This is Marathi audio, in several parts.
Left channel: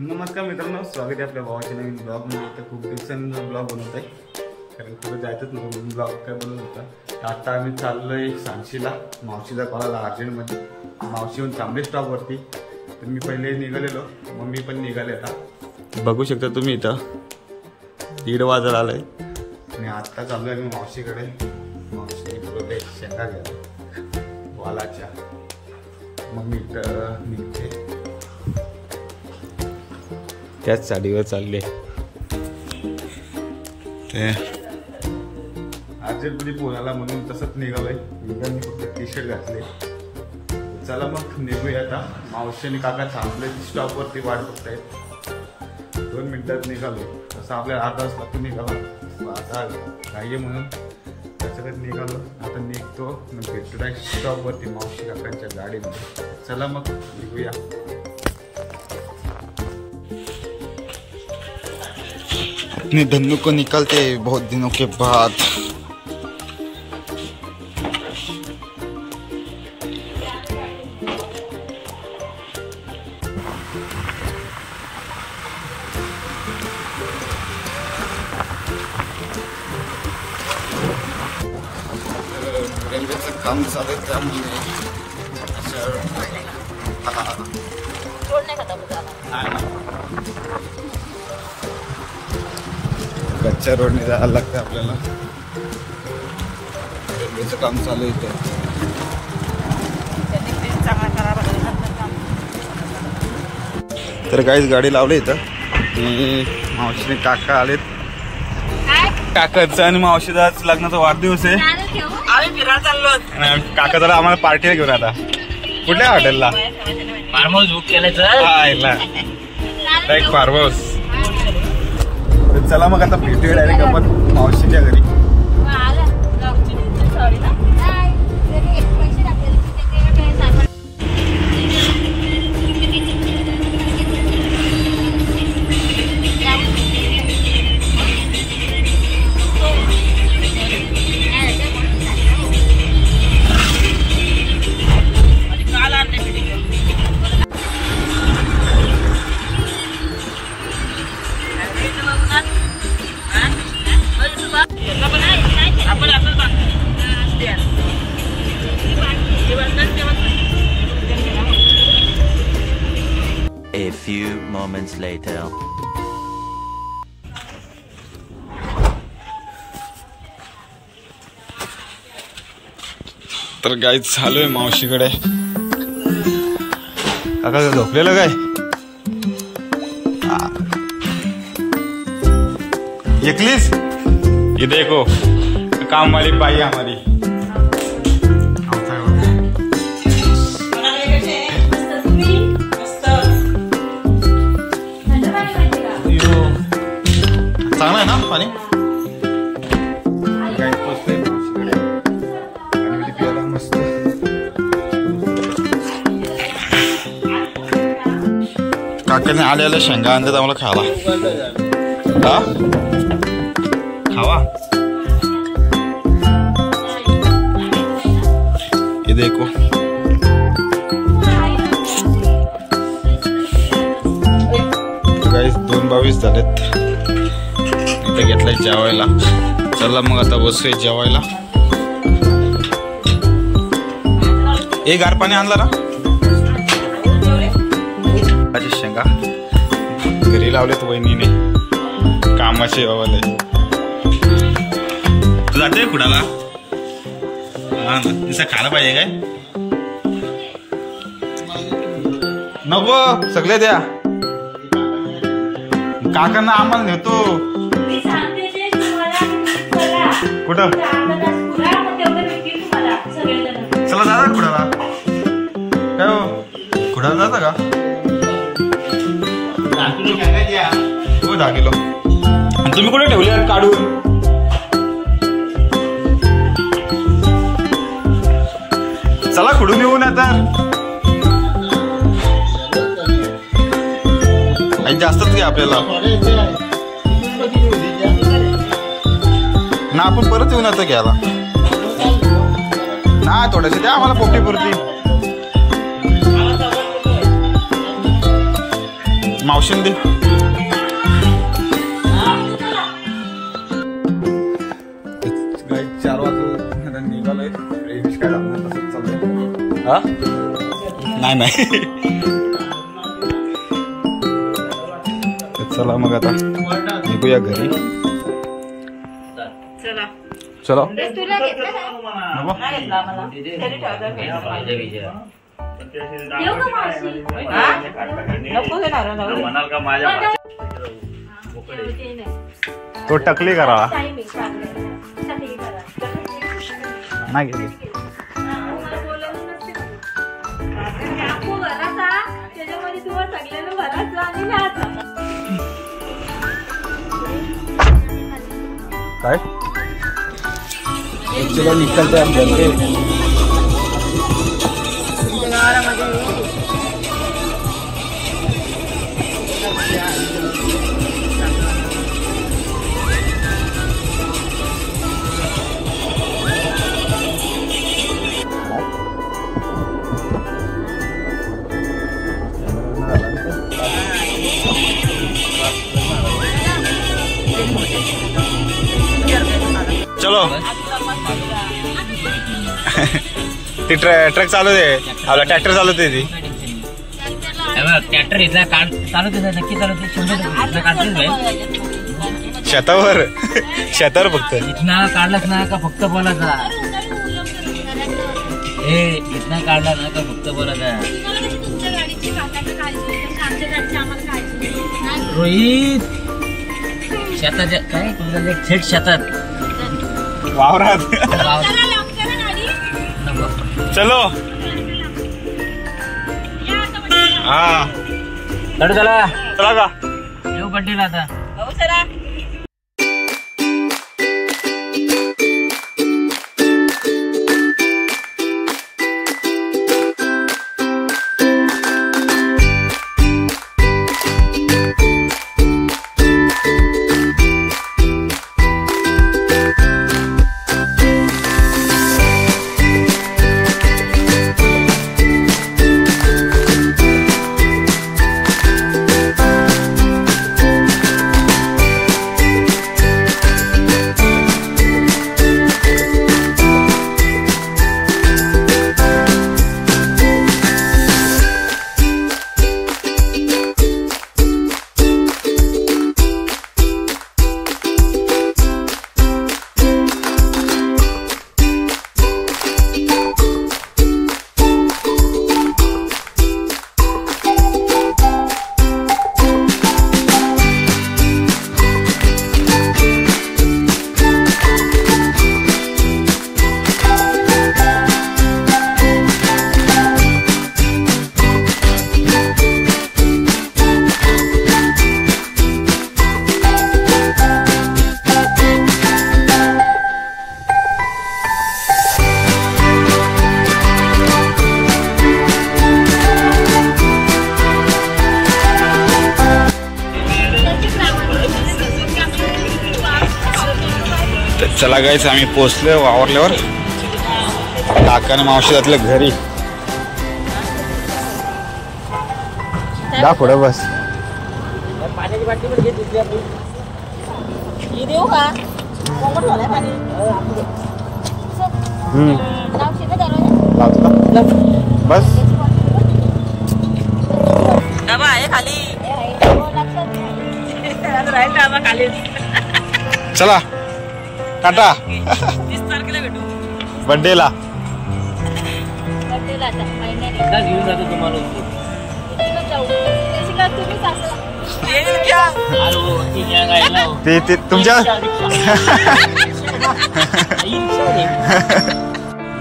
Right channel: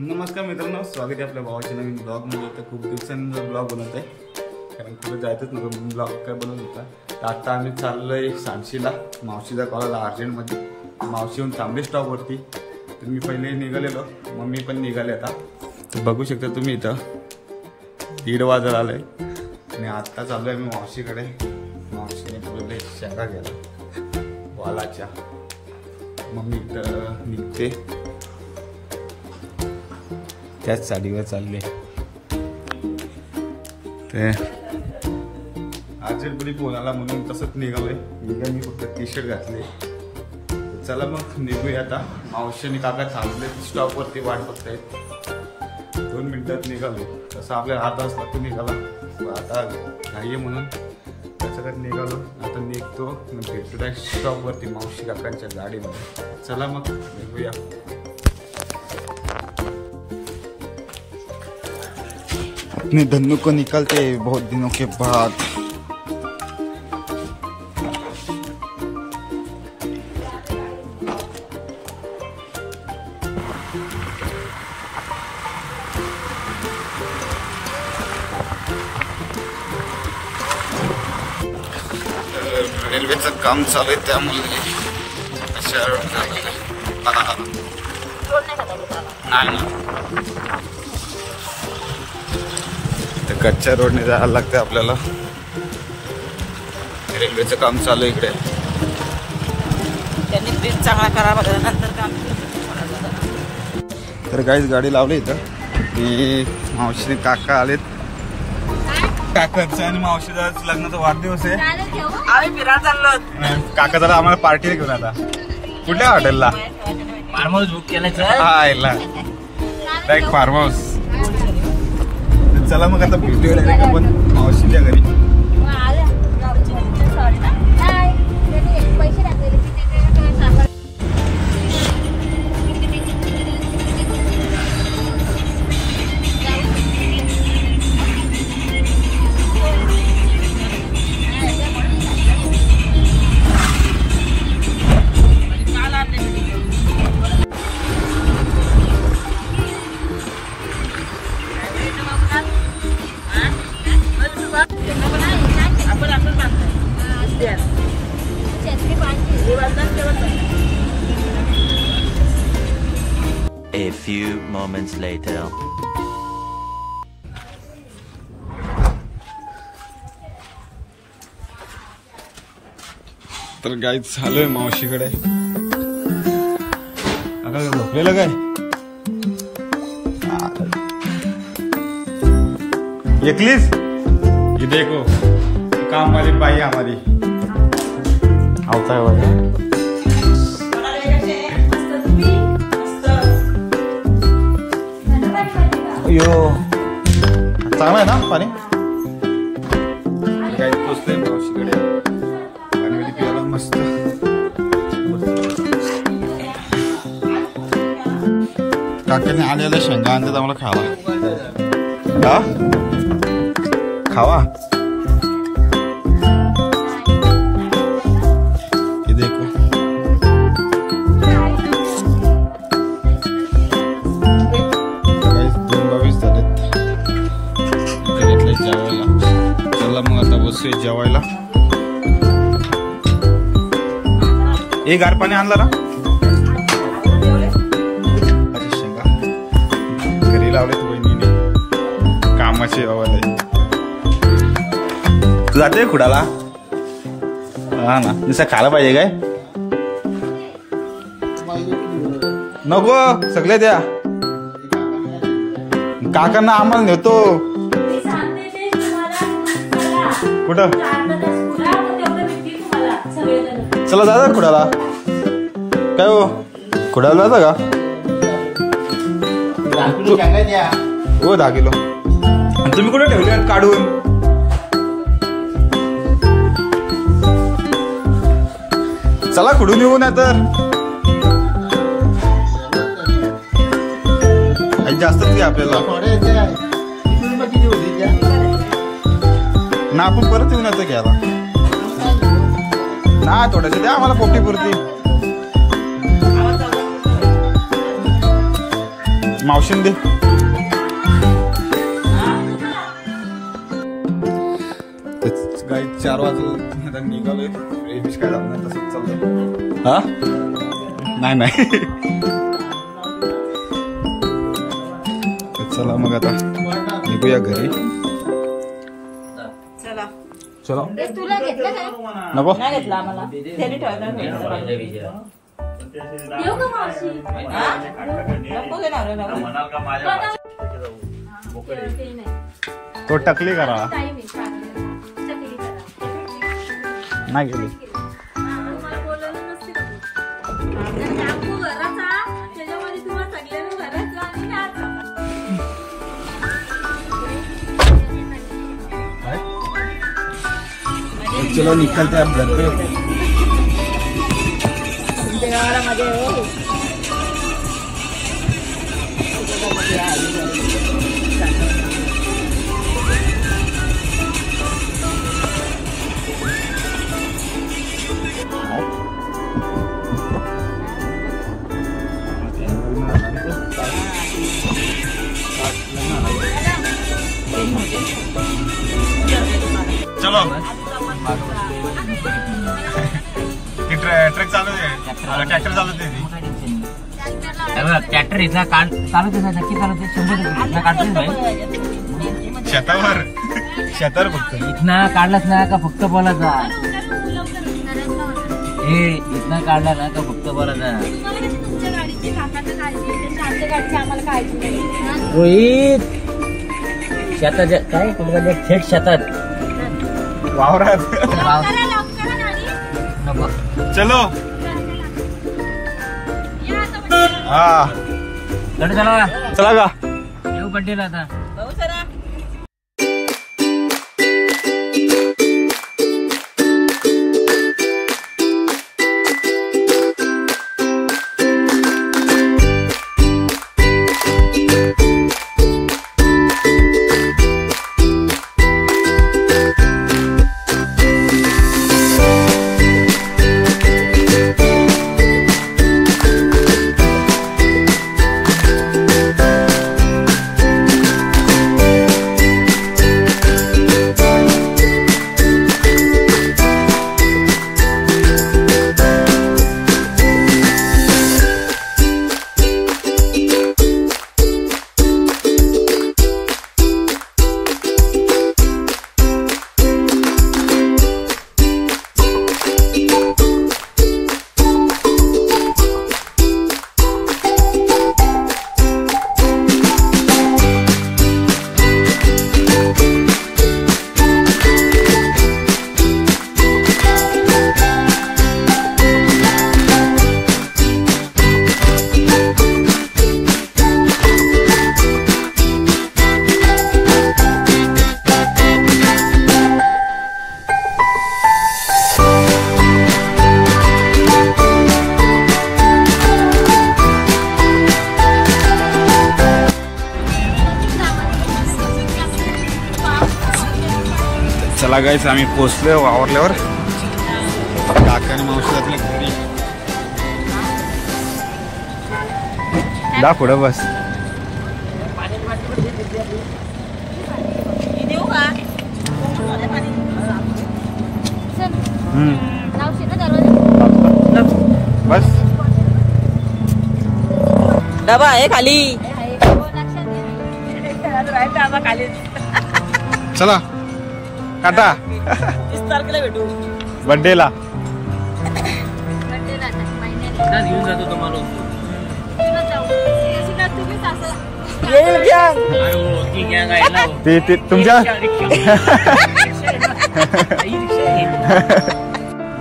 नमस्कार मित्रांनो, स्वागत आहे आपल्या भावाच्या नवीन ब्लॉगमध्ये. तर खूप दिवसांनी ब्लॉग बनवत आहे कारण कुठं जायचंच नव्हतं म्हणून ब्लॉग काय बनवत होता. तर आता आम्ही चाललो आहे सांशीला. मावशीचा कॉल आला अर्जंटमध्ये. मावशी येऊन थांबली स्टॉपवरती. तर मी पहिले निघालेलो, मम्मी पण निघाले. आता बघू शकता तुम्ही इथं 1:30 वाजत आलं आहे आणि आत्ता चाललो आहे मी मावशीकडे. मावशीने बोलले शेंगा घ्यायला वालाच्या. मम्मी इथं निघते, त्याच साडीवर चालले. ते अर्जंटमध्ये फोन आला म्हणून तसंच निघालोय. मी फक्त टी-शर्ट घातले. चला मग निघूया आता. मावशीने काका थांबले स्टॉपवरती, वाट बघतायत. 2 मिनिटात निघालो. तसं आपल्याला अर्धा तास लागतो निघाला. आता घाई म्हणून त्याच्याकडे निघालो. आता निघतो भेटतो डायरेक्ट स्टॉपवरती मावशी काकांच्या गाडीमध्ये. चला मग निघूया. अपने धन्नू को निकलते बहुत दिनों के बाद. रेल्वेचं काम चालू आहे त्यामुळे कच्च्या रोडने जायला लागतं आपल्याला. रेल्वेचं काम चालू आहे इकडे. तर काहीच गाडी लावली इथं. मावशीने काका आलेत. काकाचं आणि मावशीचा आज लग्नाचा वाढदिवस आहे. काका जरा आम्हाला पार्टीला घेऊन आता. कुठल्या हॉटेलला? फार्म हाऊस बुक केलं. Direct farm house. चला मग आता भेटूया डायरेक्ट आपण मावशीच्या घरी. A few moments later. तर गाईच चालू आहे मावशीकडे. काका झोपलेलं काय? एकलीच ये देखो काम वाली बाई हमारी. चांगला आहे ना पाणी? गाई पोचतोय मावशीकडे. पाणी प्यायला मस्त. काकाने आलेल्या शेंगा आणतात आम्हाला खायला. खावा. हे देखो गाईस 2:22 झालेत. घेतलाय जेवायला. चला मग आता बसूया जेवायला. एक गार पाणी आणला ना? माझी शेंगा घरी लावलेत वहिनीने. कामाचे वाले. तू जाते खुडाला? हा ना, नुसतं खायला पाहिजे काय? नको सगळे द्या. काकांना आम्हाला नेतो. कुठं? चला दादा खुडाला. काय हो खुडाला जाता का? हो 10 किलो. आणि तुम्ही कुठे ठेवले काढून? चला खुडून येऊ ना. तर जास्तच घ्या आपल्याला ना. आपण परत येऊन आता घ्यायला ना. थोडंसं द्या आम्हाला पोटी पुरती. मावशीन दे. काही 4 वाजता आता निघालोय. रेडिश काय लागणार तसंच चाललंय. हा नाही चला मग आता निघूया घरी. चला नको तो टकली करा नाही गेली. काय चलो निकलते हैं घर पे. ती ट्रक चालवते आपला ट्रॅक्टर चालवते ती. ट्रॅक्टर इथला चालवते नक्की चालवते 100 काढतेच भाई. शेतावर फक्त इथना काढलाच ना का फक्त बोलायचा. हे इथना काढला ना का फक्त बोलायचा. रोहित शेताच्या काय कुठे थेट शेतात वावरात. चलो हा चला चला का येऊ बड्डेला आता. चला गाईस आम्ही पोचलोय वावरल्यावर. काकाने मावशी घातलं घरी. दा पुढं बस. पाण्याची बाटली पण घेतली आपण. ही देऊ का कोमट झालंय पाणी. बस बाबा आहे खाली. राहील बाबा खाली. चला टाटा. 30 तारखेला भेटू बर्थडेला. घेऊन जातो तुम्हाला. येईल घ्या. अरे हो ती गँग आहे ना. ते तुमच्या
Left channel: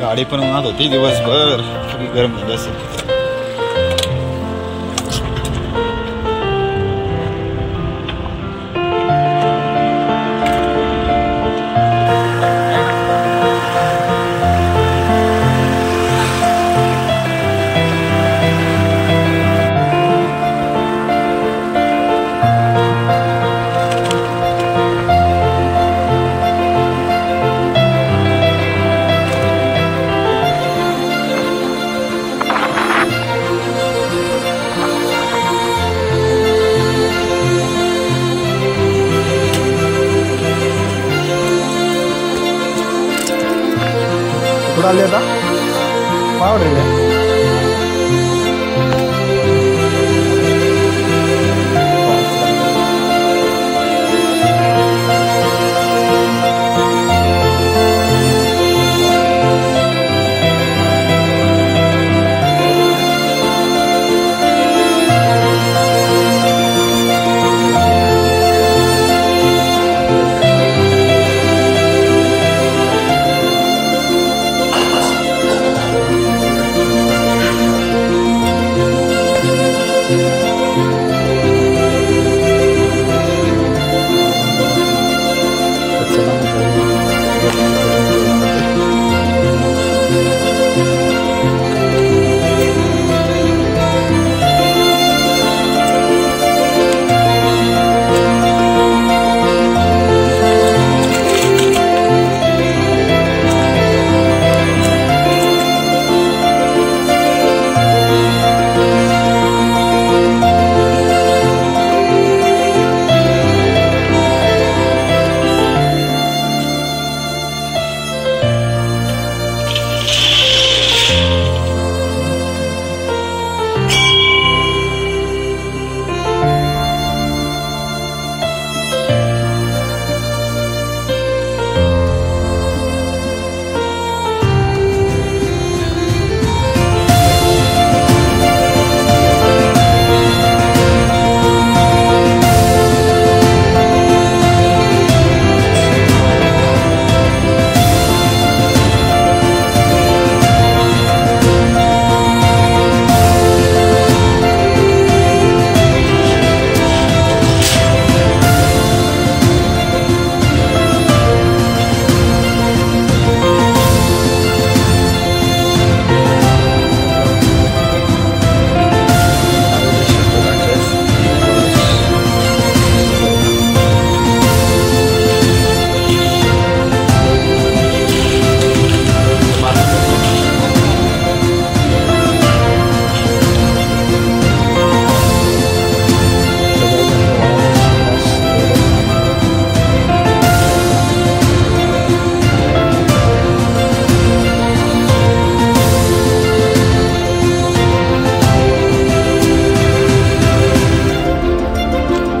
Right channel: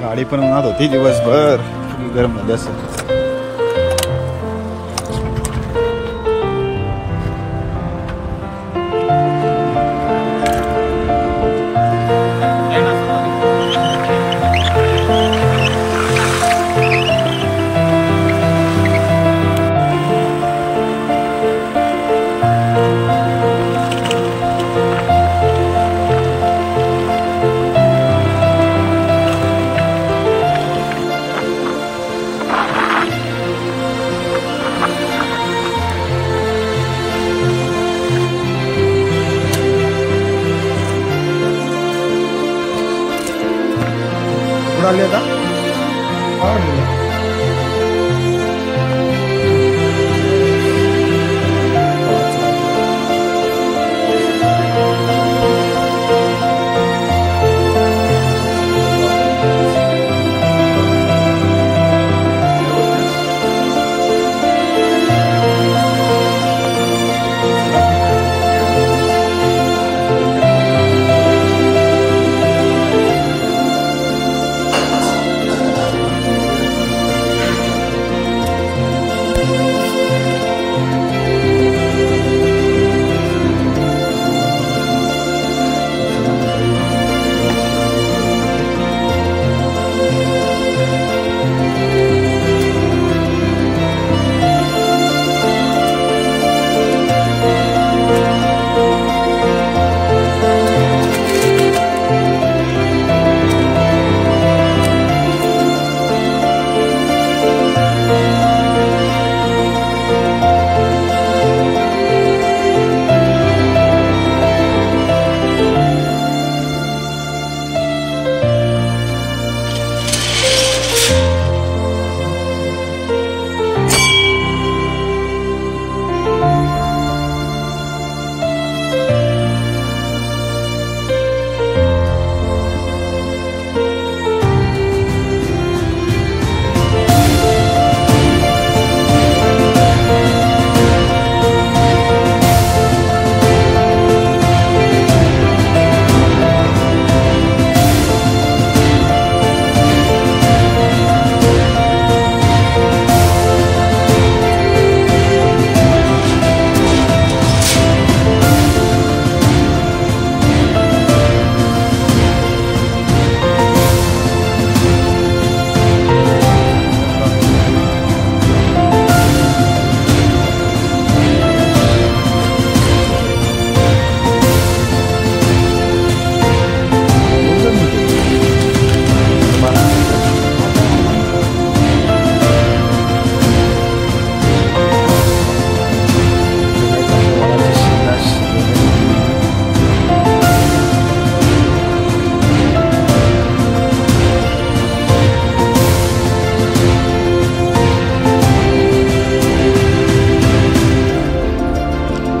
गाडी पण उन्हात होती दिवसभर. सगळी गरम झाली असं. कुठं आली आता काय वाटले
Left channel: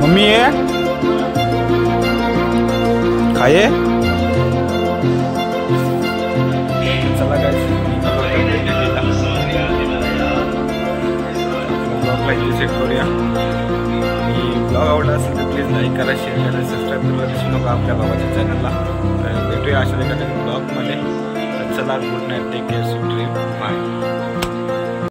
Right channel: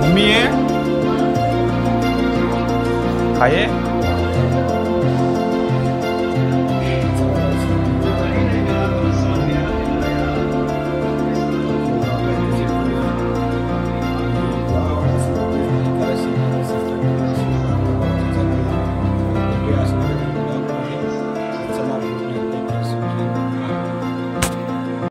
मम्मी आहे काय चला काय ब्लॉगला इथे सेट करूया आणि ब्लॉग आवडला असेल तर प्लीज लाईक करा शेअर करा सबस्क्राईब करायला विसरू नका आपल्या बाबाच्या चॅनलला भेटूया अशा एखाद्या ब्लॉगमध्ये तर चला good night take care sweet dream bye